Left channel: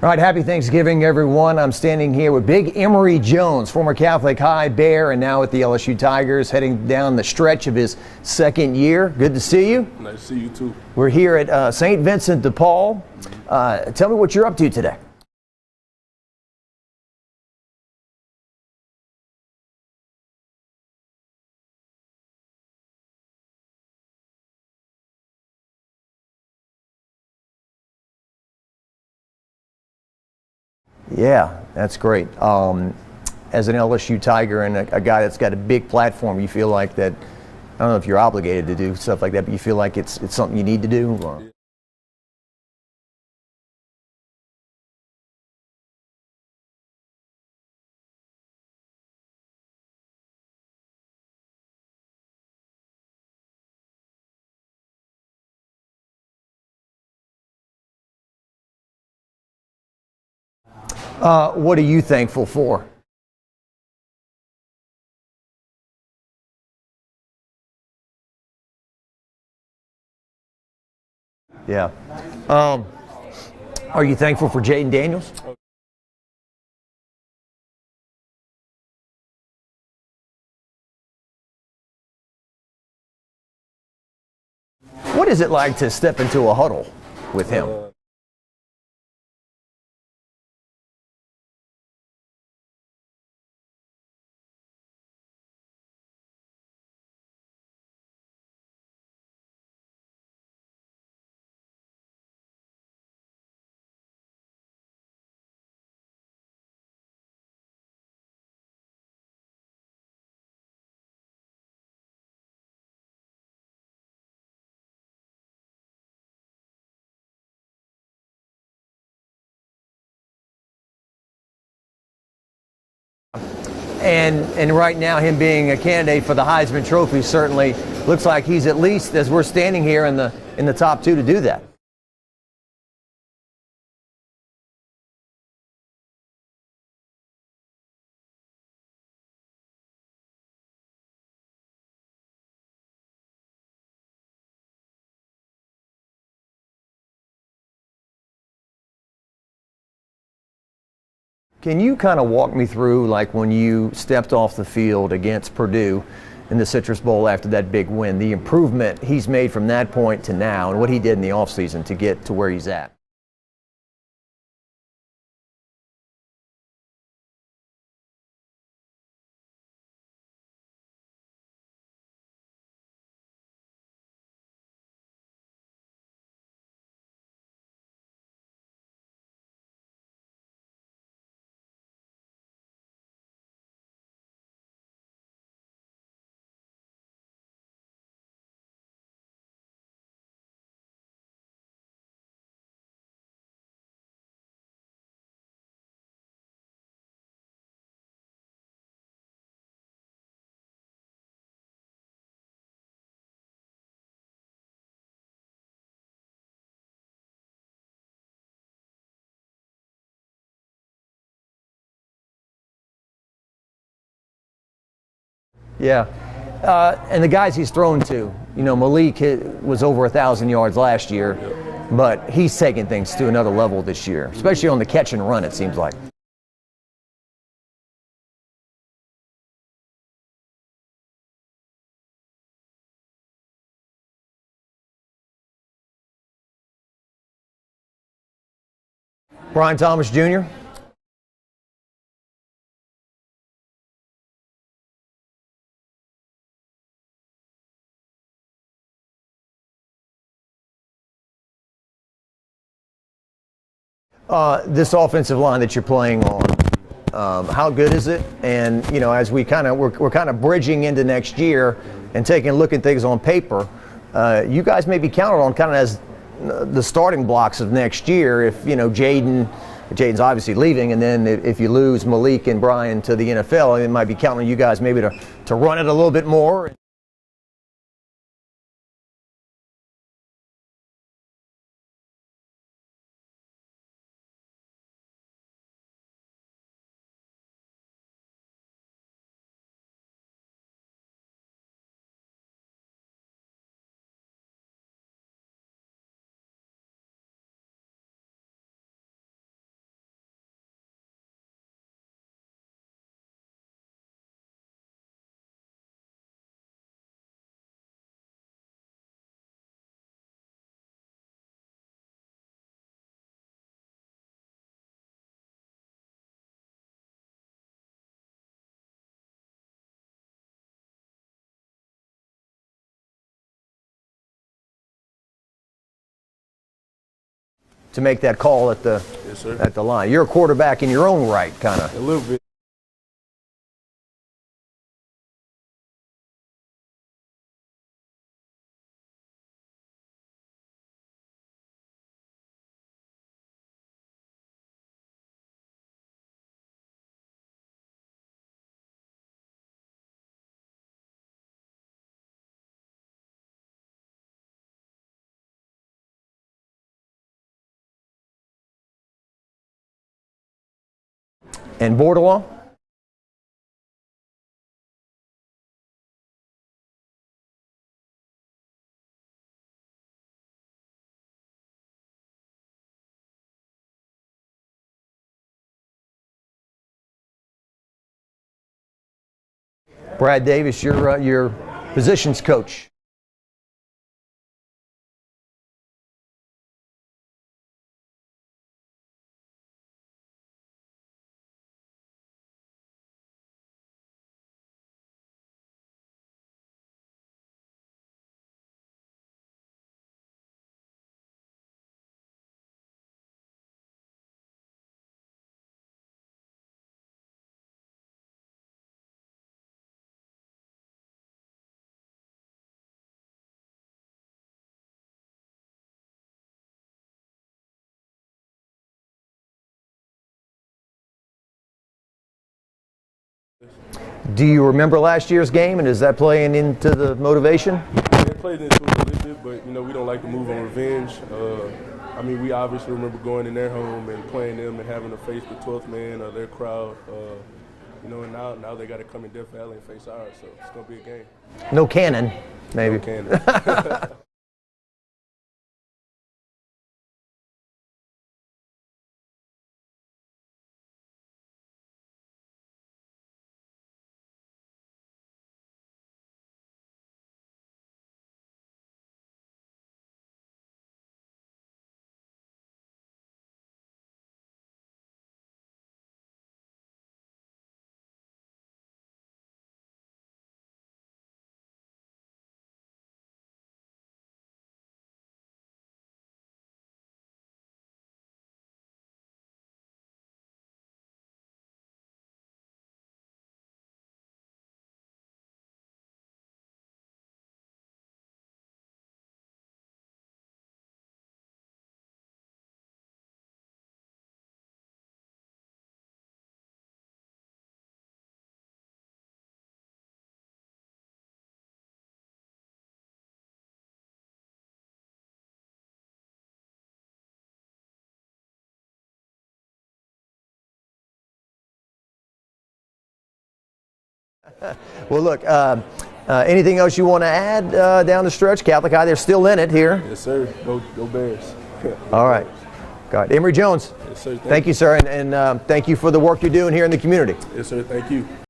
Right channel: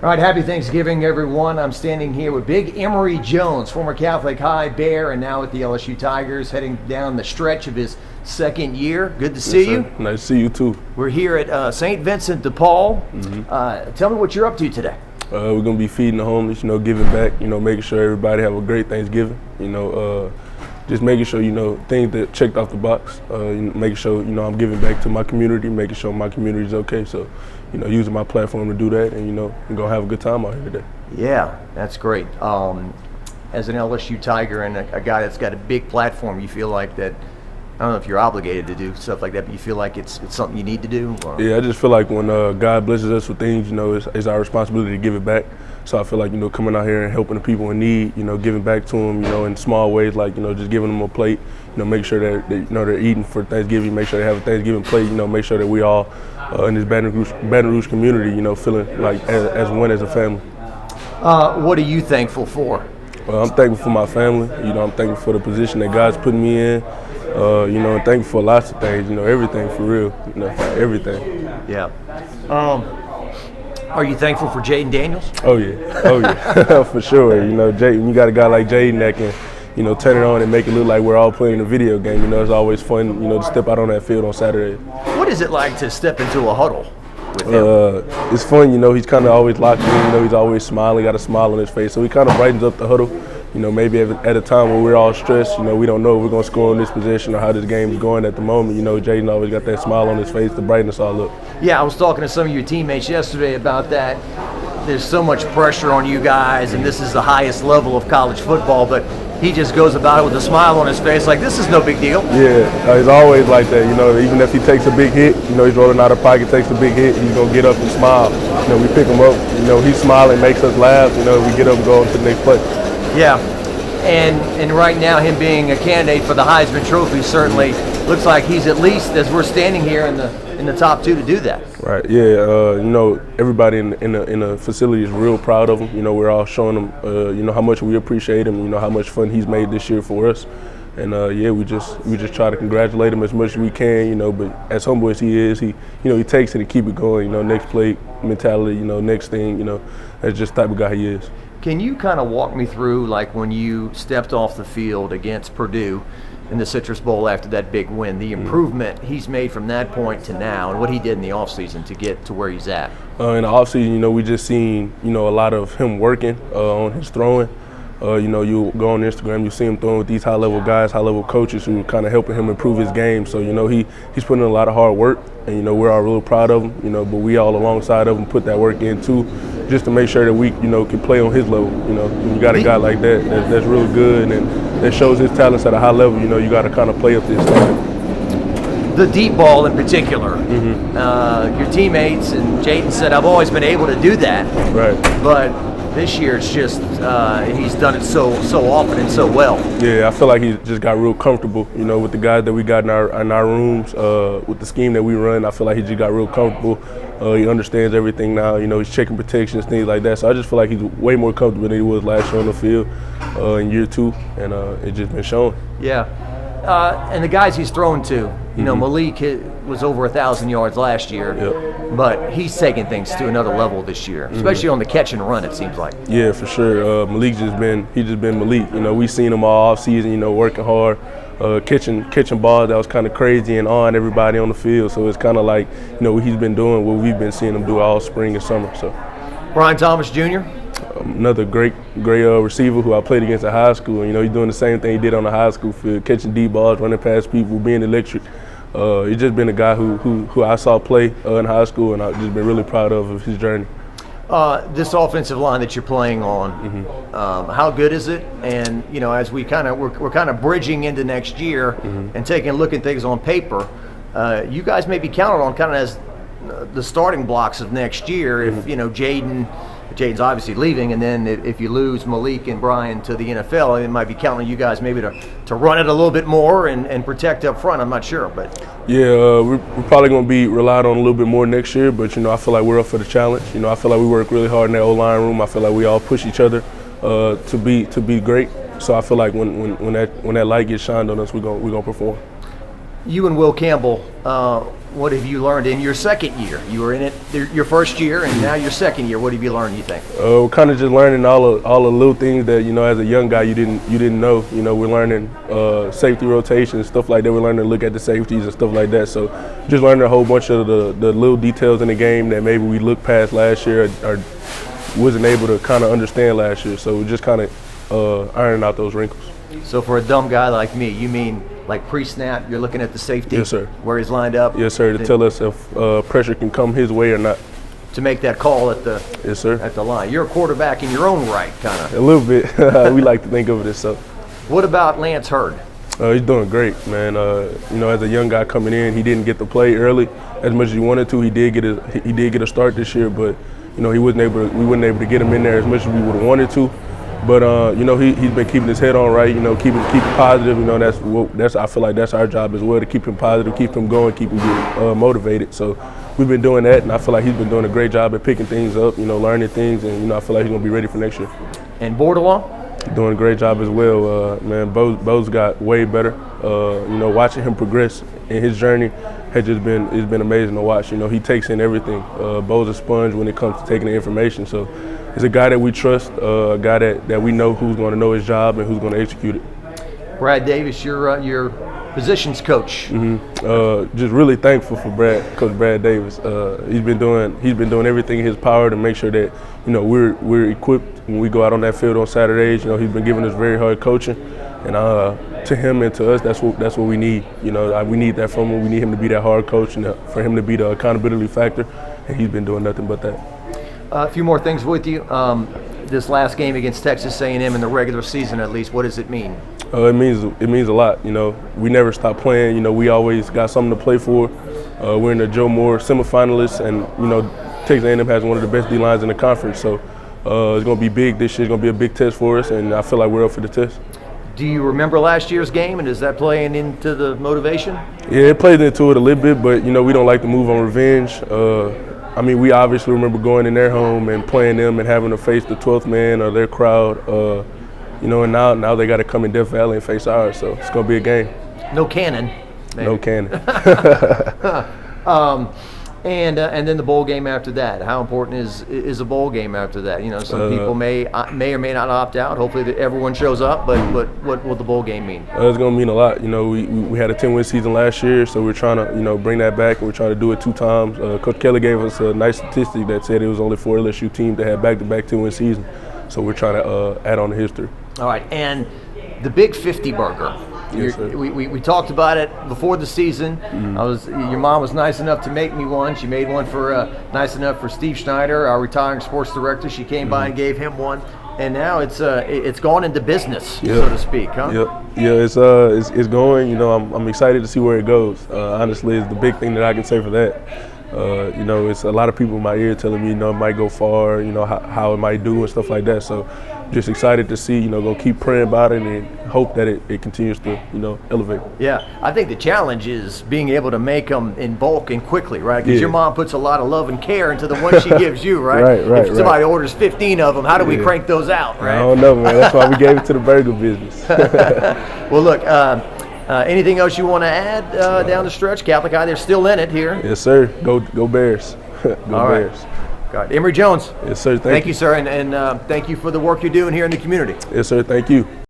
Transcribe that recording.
All right, happy Thanksgiving, everyone. I'm standing here with big Emery Jones, former Catholic High Bear and now with the LSU Tigers, heading down the stretch of his second year. Good to see you. Nice to see you, too. We're here at St. Vincent de Paul. Tell me what you're up to today. We're going to be feeding the homeless, giving back, making sure everybody have a great Thanksgiving, just making sure, things that checked off the box, making sure, I'm giving back to my community, making sure my community is okay. So, using my platform to do that and, we're going to have a good time out here today. Yeah, that's great. As an LSU Tiger and a guy that's got a big platform, you feel like that, I don't know if you're obligated to do stuff like that, but you feel like it's something you need to do? Or? Yeah, I just feel like when God blesses us with things, it's our responsibility to give it back. So I feel like, coming out here and helping the people in need, giving back to them, in small ways, like, just giving them a plate, make sure that they're eating for Thanksgiving, make sure they have a Thanksgiving plate, make sure that we all in this Baton Rouge community, feeling like as one as a family. What are you thankful for? Well, I'm thankful for my family. I'm thankful for the position that God's putting me in. And thankful for lots of things. Everything for real. Everything. Yeah. Are you thankful for Jaden Daniels? Oh yeah, for sure. Jaden, you got a guy like Jaden that can, turn it on and make it look like we're all playing a video game. It's always fun, to step out on that field on Saturday. What is it like to step into a huddle with him? It's fun, he's kind of always locked in, he's always smiling, got a smile on his face. So he kind of brightens up the huddle. Maybe at a time when we're all stressed, we don't know if we're going to score in this position or how this game is going at the moment. Jaden always got that smile on his face to brighten us all up. Yeah, I was talking to some of your teammates yesterday about that. There's so much pressure on you guys, and this is the highest level of college football, but he just goes about it with a smile on his face like this is no big deal. Yeah, he's always like that. Even if he takes a big hit, he's rolling out of pocket, takes a big hit, he's going to get up and smile. We pick him up, he's smiling, makes us laugh, we get up and go on to the next play. Yeah, and right now him being a candidate for the Heisman Trophy certainly looks like he's at least, as we're standing here, in the top two to do that. Right. Yeah. Everybody in the facility is real proud of him. We're all showing him, how much we appreciate him. How much fun he's made this year for us. And we just try to congratulate him as much as we can. But as humble as he is, he takes it and keep it going. Next play mentality. Next thing. That's just the type of guy he is. Can you kind of walk me through, like, when you stepped off the field against Purdue in the Citrus Bowl after that big win, the improvement he's made from that point to now, and what he did in the offseason to get to where he's at? In the offseason, we just seen, a lot of him working on his throwing. You go on Instagram, you see him throwing with these high-level guys, high-level coaches who are kind of helping him improve his game. So, he's putting in a lot of hard work, and, we're all really proud of him, but we all alongside of him put that work in, too, just to make sure that we, can play on his level. When you got a guy like that that's really good and that shows his talents at a high level, you got to kind of play up to his standard. The deep ball in particular, your teammates and Jaden said, I've always been able to do that. Right. But this year it's just he's done it so often and so well. Yeah, I feel like he just got real comfortable, with the guys that we got in our rooms, with the scheme that we run. I feel like he just got real comfortable. He understands everything now. He's checking protections, things like that. So I just feel like he's way more comfortable than he was last year on the field in year two, and it's just been shown. Yeah. And the guys he's thrown to, Malik was over 1,000 yards last year, but he's taking things to another level this year, especially on the catch and run, it seems like. Yeah, for sure. Malik's just been Malik. We've seen him all off season, working hard, catching balls that was kind of crazy and on everybody on the field. So it's kind of like, he's been doing what we've been seeing him do all spring and summer. So. Brian Thomas Jr.? Another great receiver who I played against at high school. He's doing the same thing he did on the high school field, catching deep balls, running past people, being electric. He's just been a guy who I saw play in high school, and I've just been really proud of his journey. This offensive line that you're playing on, how good is it? And as we're kind of bridging into next year and taking a look at things on paper, you guys may be counted on kind of as the starting blocks of next year. If Jaden's obviously leaving, and then if you lose Malik and Brian to the NFL, it might be counting on you guys maybe to run it a little bit more and protect up front. I'm not sure, but yeah, we're probably going to be relied on a little bit more next year. But I feel like we're up for the challenge. I feel like we work really hard in that O-line room. I feel like we all push each other to be great. So I feel like when that light gets shined on us, we're gonna perform. You and Will Campbell, what have you learned in your second year? You were in it your first year, and now your second year. What have you learned, you think? We're kind of just learning all the little things that, you know, as a young guy you didn't know. You know, we're learning safety rotations, stuff like that. We're learning to look at the safeties and stuff like that. So just learning a whole bunch of the little details in the game that maybe we looked past last year or wasn't able to kind of understand last year. So we're just kind of ironing out those wrinkles. So for a dumb guy like me, you mean like pre-snap, you're looking at the safety? Yes, sir. Where he's lined up? Yes, sir, to tell us if pressure can come his way or not. To make that call at the yes, sir. At the line. You're a quarterback in your own right, kind of. A little bit. We like to think of it as so. What about Lance Hurd? He's doing great, man. You know, as a young guy coming in, he didn't get to play early as much as he wanted to. He did get a start this year, but you know, we wasn't able to get him in there as much as we would have wanted to. But you know, he's been keeping his head on right. You know, keeping positive. You know, that's I feel like that's our job as well, to keep him positive, keep him going, keep him getting motivated. So we've been doing that, and I feel like he's been doing a great job at picking things up. You know, learning things, and you know, I feel like he's gonna be ready for next year. And Bordelon? Doing a great job as well, man. Bo's got way better. You know, watching him progress in his journey has just been amazing to watch. You know, he takes in everything. Bo's a sponge when it comes to taking the information. So he's a guy that we trust, a guy that we know who's going to know his job and who's going to execute it. Brad Davis, your positions coach. Just really thankful for Coach Brad Davis. He's been doing everything in his power to make sure that, you know, we're equipped when we go out on that field on Saturdays. You know, he's been giving us very hard coaching, and to him and to us, that's what we need. You know, we need that from him. We need him to be that hard coach and for him to be the accountability factor, and he's been doing nothing but that. A few more things with you. This last game against Texas A&M in the regular season, at least, what does it mean? It means a lot. You know, we never stop playing. You know, we always got something to play for. We're in the Joe Moore semifinalists, and you know, Texas A&M has one of the best D lines in the conference. So it's going to be big this year. It's going to be a big test for us, and I feel like we're up for the test. Do you remember last year's game, and is that playing into the motivation? Yeah, it plays into it a little bit, but you know, we don't like to move on revenge. I mean, we obviously remember going in their home and playing them and having to face the 12th man or their crowd. You know, and now they got to come in Death Valley and face ours, so it's going to be a game. No cannon, maybe. No cannon. And then the bowl game after that. How important is a bowl game after that? You know, some people may or may not opt out. Hopefully that everyone shows up, but what will the bowl game mean? It's going to mean a lot. You know, we had a 10-win season last year, so we're trying to, you know, bring that back, and we're trying to do it 2 times. Coach Kelly gave us a nice statistic that said it was only 4 LSU teams that had back-to-back 10-win seasons, so we're trying to add on to history. All right, and the Big 50 burger. Yes, sir. We talked about it before the season. Your mom was nice enough to make me one. She made one nice enough for Steve Schneider, our retiring sports director. She came by and gave him one, and now it's gone into business, so to speak, huh? Yep. Yeah, it's going. You know, I'm excited to see where it goes. Honestly, it's the big thing that I can say for that. You know, it's a lot of people in my ear telling me, you know, it might go far, you know, how it might do and stuff like that. So just excited to see, you know, go keep praying about it and hope that it continues to, you know, elevate. Yeah, I think the challenge is being able to make them in bulk and quickly, right? Because your mom puts a lot of love and care into the one she gives you, right? Right. If somebody orders 15 of them, how do we crank those out, right? I don't know, man. That's why we gave it to the burger business. Well, look, anything else you want to add down the stretch? Catholic High, they're still in it here. Yes, sir. Go Bears. Go All right. Bears. Got it. Emery Jones. Yes, sir. Thank you, sir, and thank you for the work you're doing here in the community. Yes, sir. Thank you.